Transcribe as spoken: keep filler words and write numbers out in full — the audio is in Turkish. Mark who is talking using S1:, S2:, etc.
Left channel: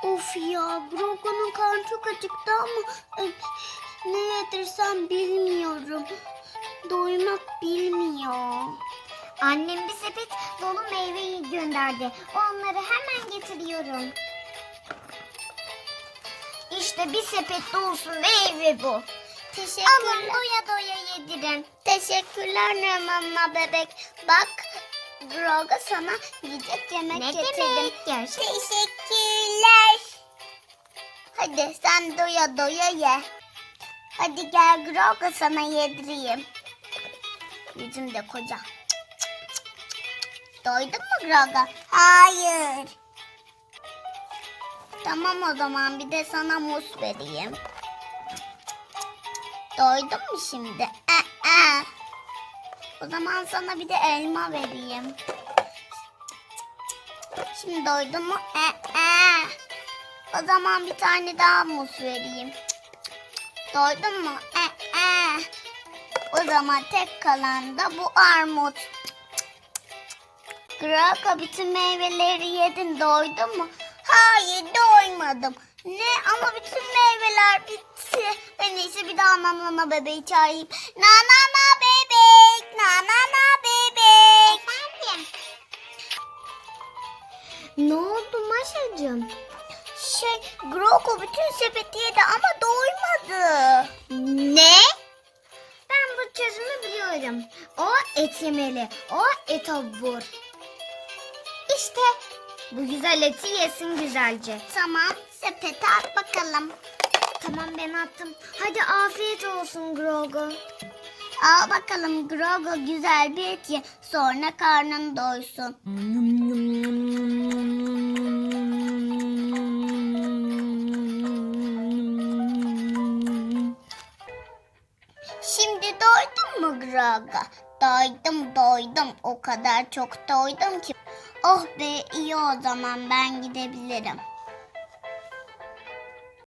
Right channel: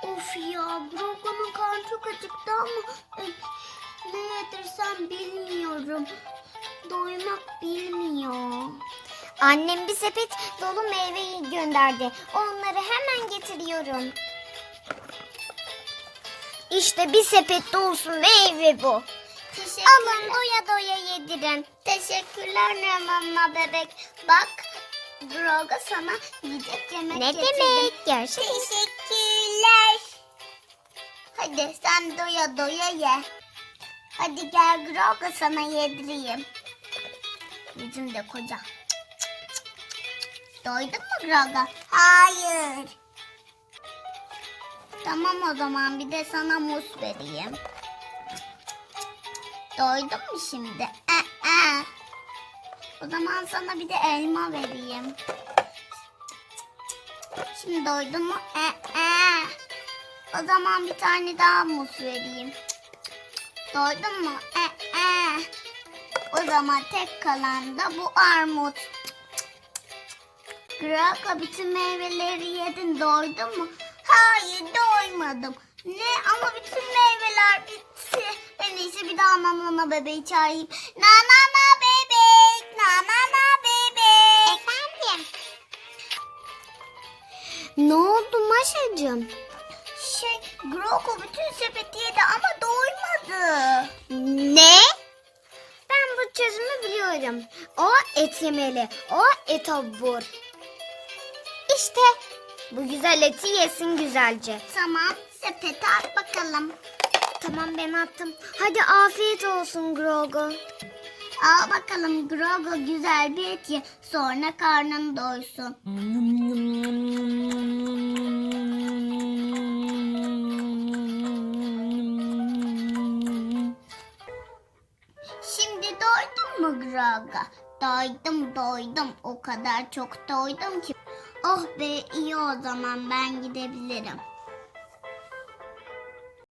S1: Of ya, Brogan'ın karnı çok acıktı ama e, ne yedirsem bilmiyorum. Doymak bilmiyor.
S2: Annem bir sepet dolu meyveyi gönderdi. Onları hemen getiriyorum. İşte bir sepet dolusu meyve bu. Alın
S1: Teşekkürler.
S2: doya doya yedirin.
S1: Teşekkürler Nana bebek. Bak, Broga sana yiyecek yemek
S2: Ne
S1: getirdim.
S2: demek? Gerçekten.
S1: Teşekkürler. Hadi sen doya doya ye. Hadi gel Groga sana yedireyim. Yüzüm de koca. Doydun mu Groga? Hayır. Tamam o zaman bir de sana muz vereyim. Doydun mu şimdi? Aa, aa. O zaman sana bir de elma vereyim. Şimdi doydun mu? Aa, aa. O zaman bir tane daha muz vereyim. Doydun mu? Aa, aa. O zaman tek kalan da bu armut. Graka bütün meyveleri yedin. Doydun mu? Hayır doymadım. Ne? Ama bütün meyveler bitti. En iyisi bir daha nanana bebeği çağırayım. Nanana bebek. Nanana bebek.
S2: Efendim? Ne oldu Maşacığım?
S1: Şey, Groko bütün sepeti yedi ama doymadı.
S2: Ne? Ben bu çözümü biliyorum. O et yemeli. O et obur. İşte bu güzel eti yesin güzelce.
S1: Tamam, sepete at bakalım.
S2: Tamam ben attım. Hadi afiyet olsun Grogo.
S1: Al bakalım Grogo güzel bir et ye. Sonra karnın doysun. Şimdi doydun mu Grogo? Doydum doydum. O kadar çok doydum ki. Oh be iyi o zaman ben gidebilirim.